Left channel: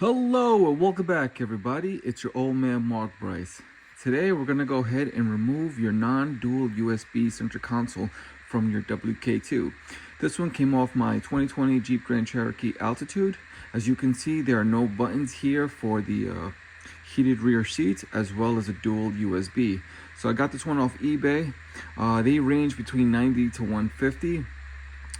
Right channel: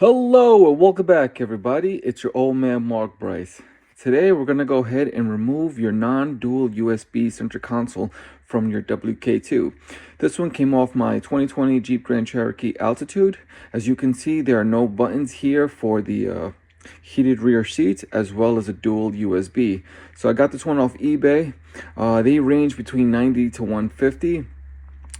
Hello and welcome back, everybody. It's your old man Mark Bryce. Today we're going to go ahead and remove your non-dual USB center console from your WK2. This one came off my 2020 Jeep Grand Cherokee Altitude. As you can see, there are no buttons here for the heated rear seats as well as a dual USB. So I got this one off eBay. They range between 90 to 150.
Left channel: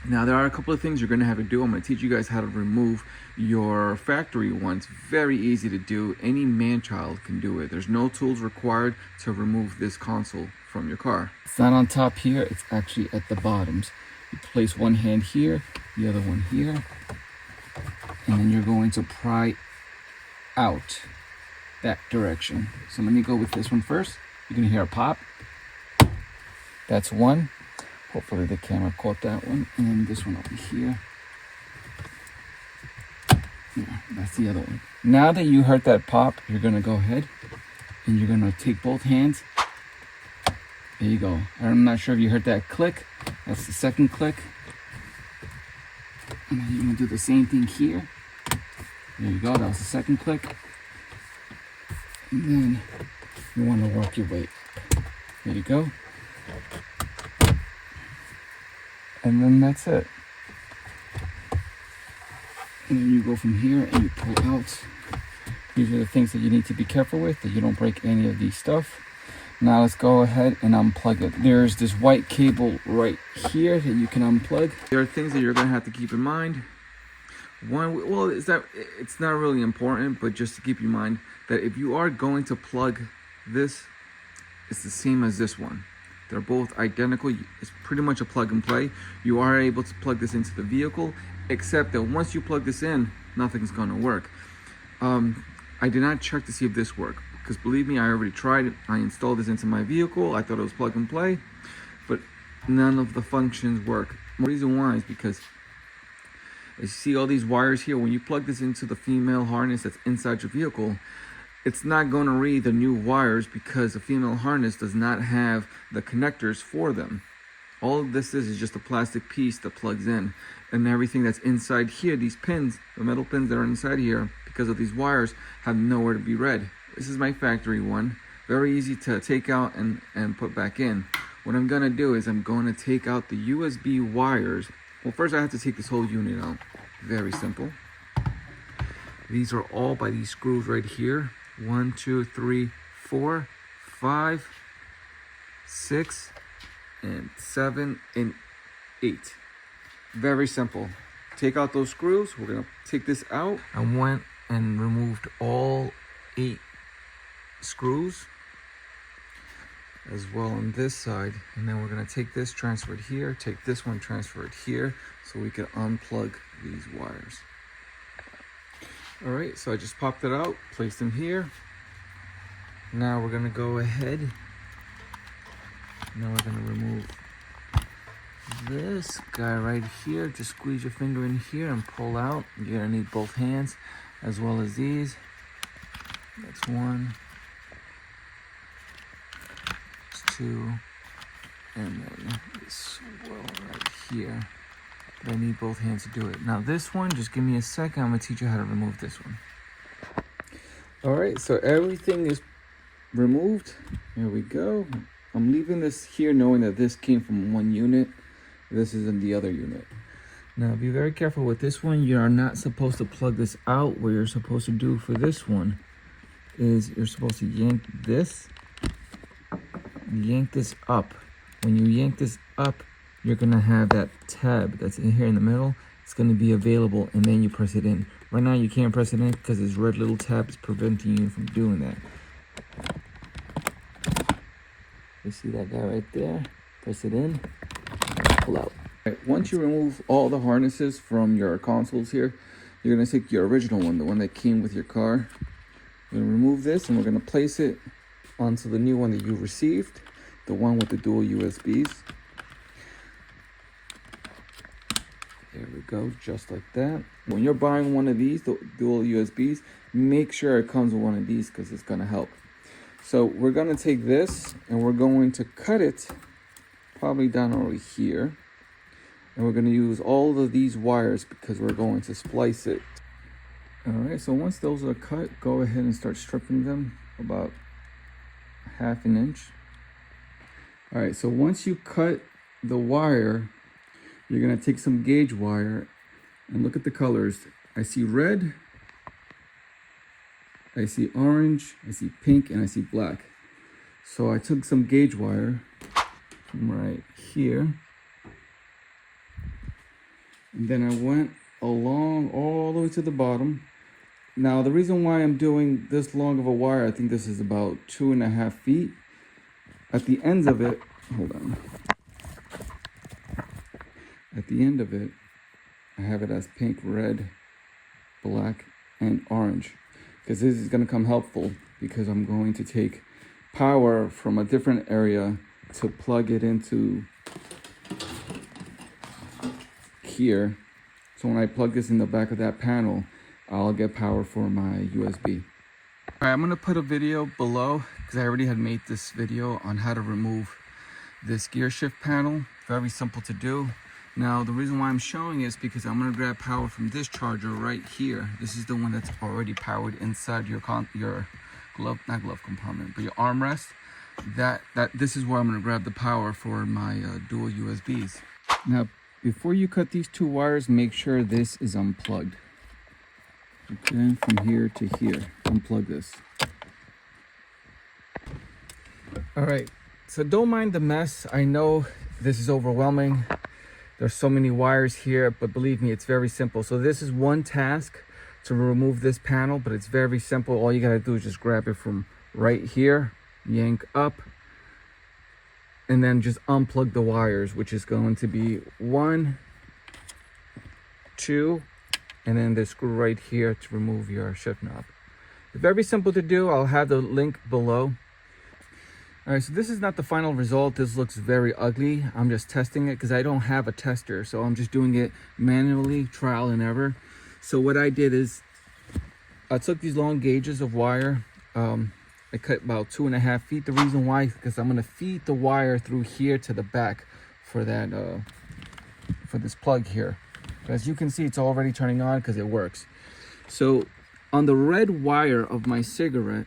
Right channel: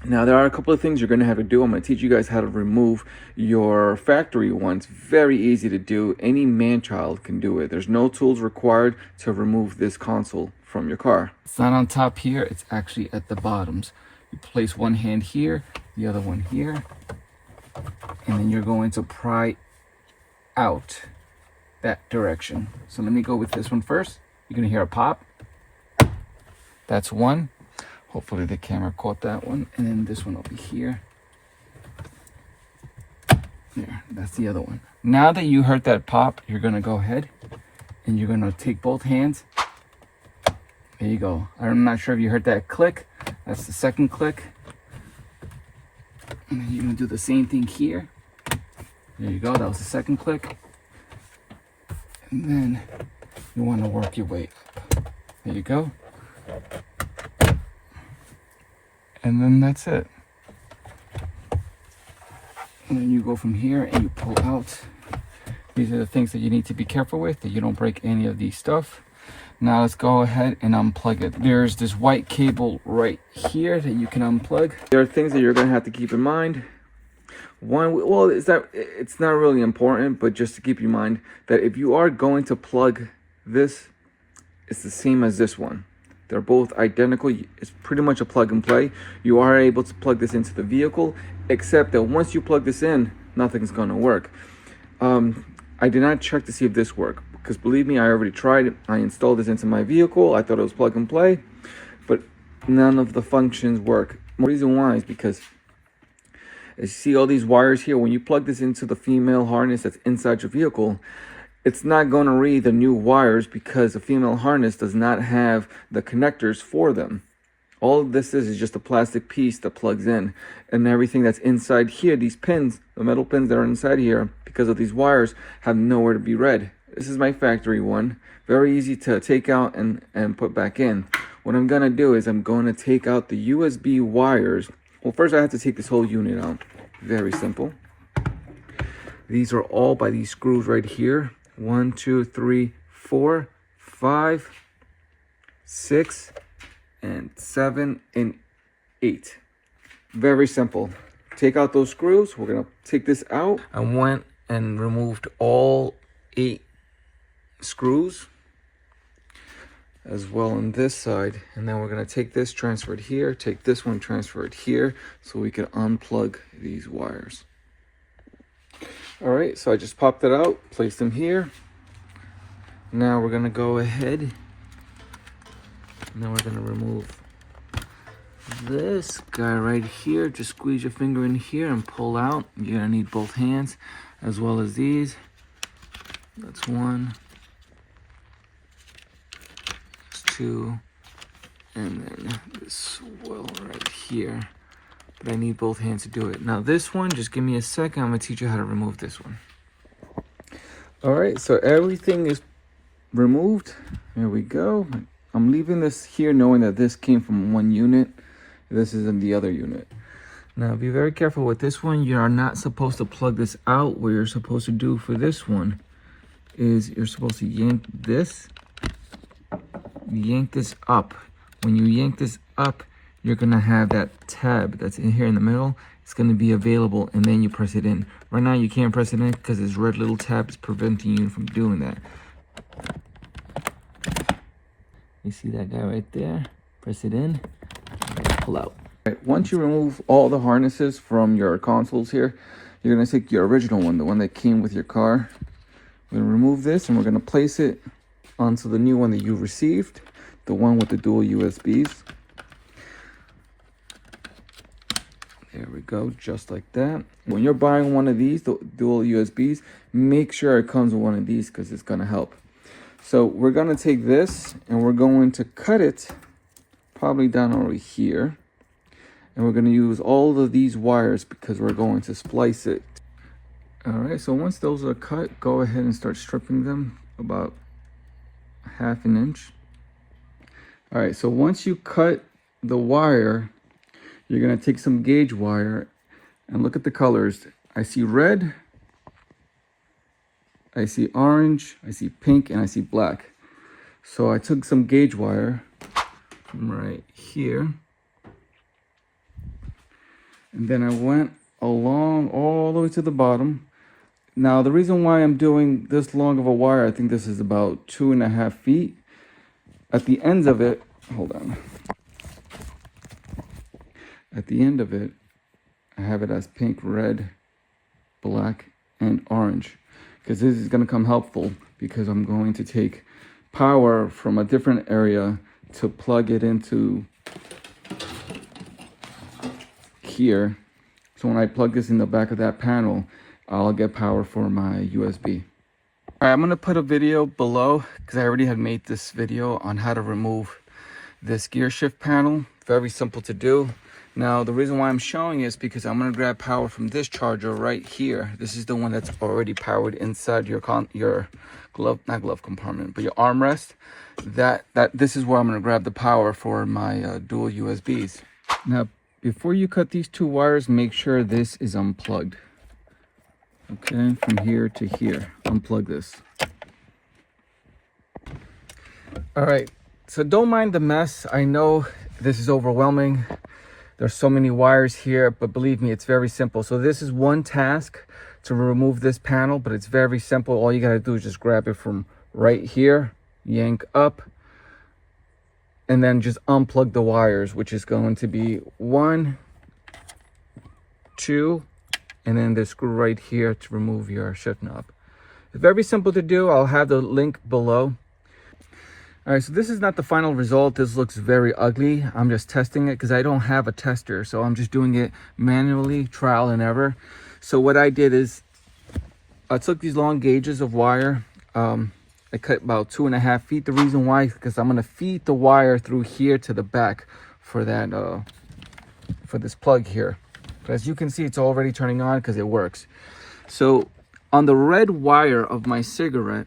Now, there are a couple of things you're going to have to do. I'm going to teach you guys how to remove your factory ones. Very easy to do. Any man-child can do it. There's no tools required to remove this console from your car. It's not on top here. It's actually at the bottoms. You place one hand here, the other one here, and then you're going to pry out that direction. So let me go with this one first. You're going to hear a pop. That's one. Hopefully the camera caught that one. And then this one over here. Yeah, that's the other one. Now that you heard that pop, you're going to go ahead and you're going to take both hands. There you go. I'm not sure if you heard that click. That's the second click. And then you're going to do the same thing here. There you go. That was the second click. And then you want to work your way up. There you go. And then that's it. And then you go from here and you pull out. These are the things that you need to be careful with, that you don't break any of these stuff. Now let's go ahead and unplug it. There's this white cable right here that you can unplug. There are things that you're going to have to keep in mind. One, well, it's not really important, but just to keep in mind that if you are going to plug this, it's the same as this one. They're both identical. It's pretty much a plug and play. You are able to plug this into the vehicle, except that once you plug this in, nothing's going to work. I did not check to see if this worked, because believe me, I already tried it. I installed this into my vehicle. I thought it was plug and play, but none of the functions work. The reason why is because you see all these wires here. When you plug this into the female harness that's inside your vehicle, it's not going to read the new wires because the female harness does not have the connectors for them. All this is just a plastic piece that plugs in, and everything that's inside here, these pins, the metal pins that are inside here, because of these wires, have nowhere to be read. This is my factory one. Very easy to take out and put back in. What I'm going to do is I'm going to take out the USB wires. Well, first I have to take this whole unit out. Very simple. These are all by these screws right here. 1, 2, 3, 4, 5, 6, and 7, and 8. Very simple. Take out those screws. We're going to take this out. I went and removed all 8 screws, as well on this side. And then we're going to take this, transfer it here, take this one, transfer it here, so we can unplug these wires. All right, so I just popped it out, placed them here. Now we're gonna go ahead. Now we're gonna remove this guy right here. Just squeeze your finger in here and pull out. You're gonna need both hands, as well as these. That's 1. That's 2. And then this well right here. But I need both hands to do it. Now this one, just give me a second. I'm gonna teach you how to remove this one. All right, so everything is removed. There we go. I'm leaving this here knowing that this came from one unit. This is in the other unit. Now be very careful with this one. You are not supposed to plug this out. What you're supposed to do for this one is you're supposed to yank this up. When you yank this up, you're gonna have that tab that's in here in the middle. It's gonna be available, and then you press it in. Right now you can't press it in because this red little tab is preventing you from doing that. You see that guy right there? Press it in, pull out. Right, once you remove all the harnesses from your consoles here, you're gonna take your original one, the one that came with your car. We're gonna remove this and we're gonna place it onto the new one that you received, the one with the dual USBs. There we go, just like that. When you're buying one of these, the dual USBs, make sure it comes with one of these because it's gonna help. So we're gonna take this and we're going to cut it probably down over here. And we're gonna use all of these wires because we're going to splice it. All right, so once those are cut, go ahead and start stripping them about 1/2 inch. All right, so once you cut the wire, you're gonna take some gauge wire and look at the colors. I see red, I see orange, I see pink, and I see black. So I took some gauge wire from right here, and then I went along all the way to the bottom. Now, the reason why I'm doing this long of a wire, I think this is about 2.5 feet. At the ends of it, hold on. At the end of it, I have it as pink, red, black, and orange. Because this is going to come helpful, because I'm going to take power from a different area to plug it into here. So when I plug this in the back of that panel, I'll get power for my USB. All right, I'm gonna put a video below because I already had made this video on how to remove this gear shift panel. Very simple to do. Now, the reason why I'm showing is because I'm gonna grab power from this charger right here. This is the one that's already powered inside your glove, not glove compartment, but your armrest. This is where I'm gonna grab the power for my dual USBs. Now, before you cut these two wires, make sure this is unplugged. Okay, from here to here, unplug this. All right, so don't mind the mess. I know this is overwhelming. There's so many wires here, but believe me, it's very simple. So this is one task to remove this panel, but it's very simple. All you gotta do is just grab it from right here, yank up, and then just unplug the wires, which is going to be 1, 2, and then the screw right here to remove your shift knob. It's very simple to do. I'll have the link below. All right, so this is not the final result. This looks very ugly. I'm just testing it because I don't have a tester, so I'm just doing it manually, trial and error. So what I did is I took these long gauges of wire. I cut about 2.5 feet. The reason why is because I'm gonna feed the wire through here to the back for that for this plug here. But as you can see, it's already turning on because it works. So on the red wire of my cigarette,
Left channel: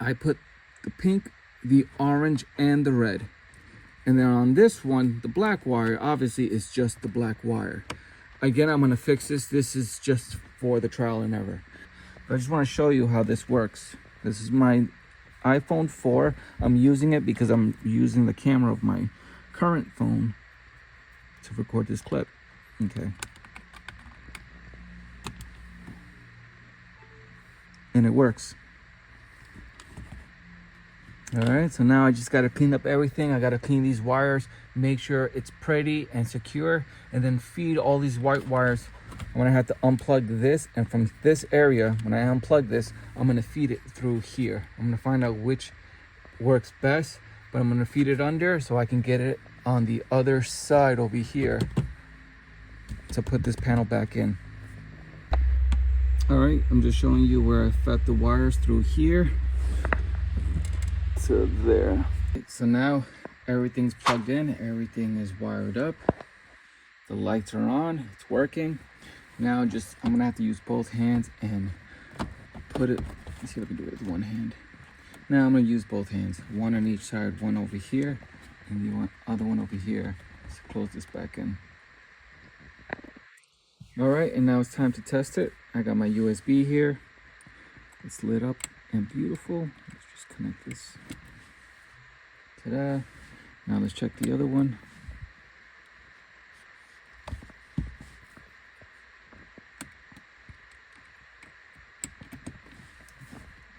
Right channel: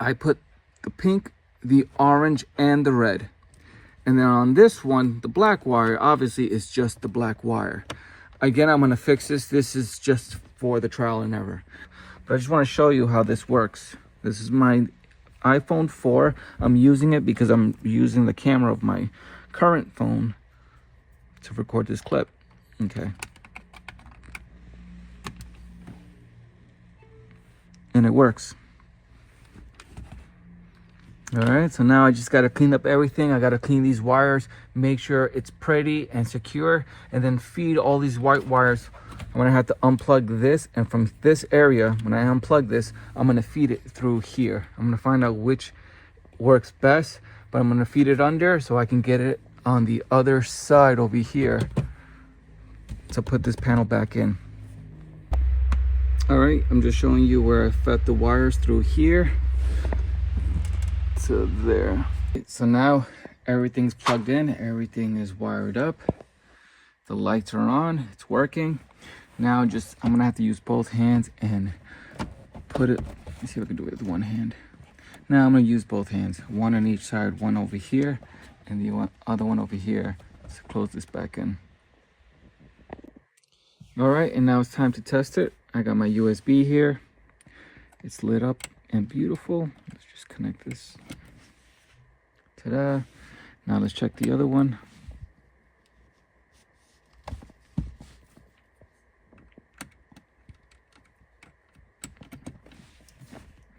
I put the pink, the orange, and the red. And then on this one, the black wire, obviously is just the black wire. Again, I'm gonna fix this. This is just for the trial and error. But I just wanna show you how this works. This is my iPhone 4. I'm using it because I'm using the camera of my current phone to record this clip. Okay. And it works. All right, so now I just got to clean up everything. I got to clean these wires, make sure it's pretty and secure, and then feed all these white wires. I'm gonna have to unplug this, and from this area, when I unplug this, I'm gonna feed it through here. I'm gonna find out which works best, but I'm gonna feed it under so I can get it on the other side over here to put this panel back in. All right, I'm just showing you where I fed the wires through here to there. So now everything's plugged in, everything is wired up, the lights are on, it's working. Now I'm gonna have to use both hands and put it, let's see if I can do it with one hand. Now I'm gonna use both hands, one on each side, one over here and the other one over here to close this back in. All right, and now it's time to test it. I got my USB here. It's lit up and beautiful. Let's just connect this. Ta-da. Now let's check the other one.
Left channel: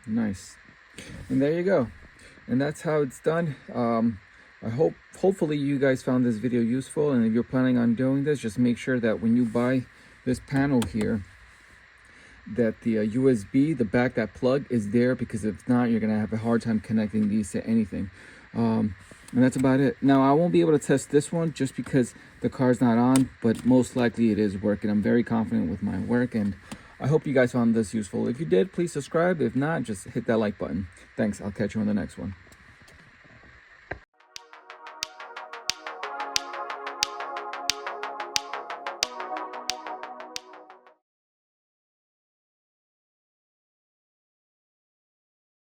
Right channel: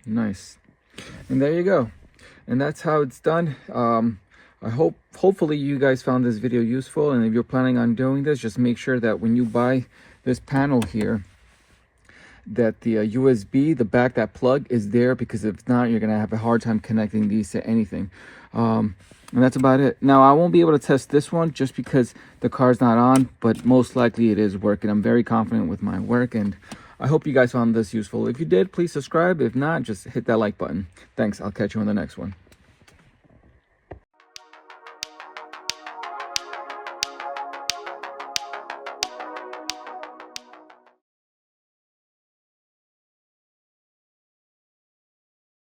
Nice. And there you go. And that's how it's done. Hopefully you guys found this video useful, and if you're planning on doing this, just make sure that when you buy this panel here, that the USB, the back, that plug is there, because if not, you're gonna have a hard time connecting these to anything. And that's about it. Now, I won't be able to test this one just because the car's not on, but most likely it is working. I'm very confident with my work, and I hope you guys found this useful. If you did, please subscribe. If not, just hit that like button. Thanks. I'll catch you on the next one.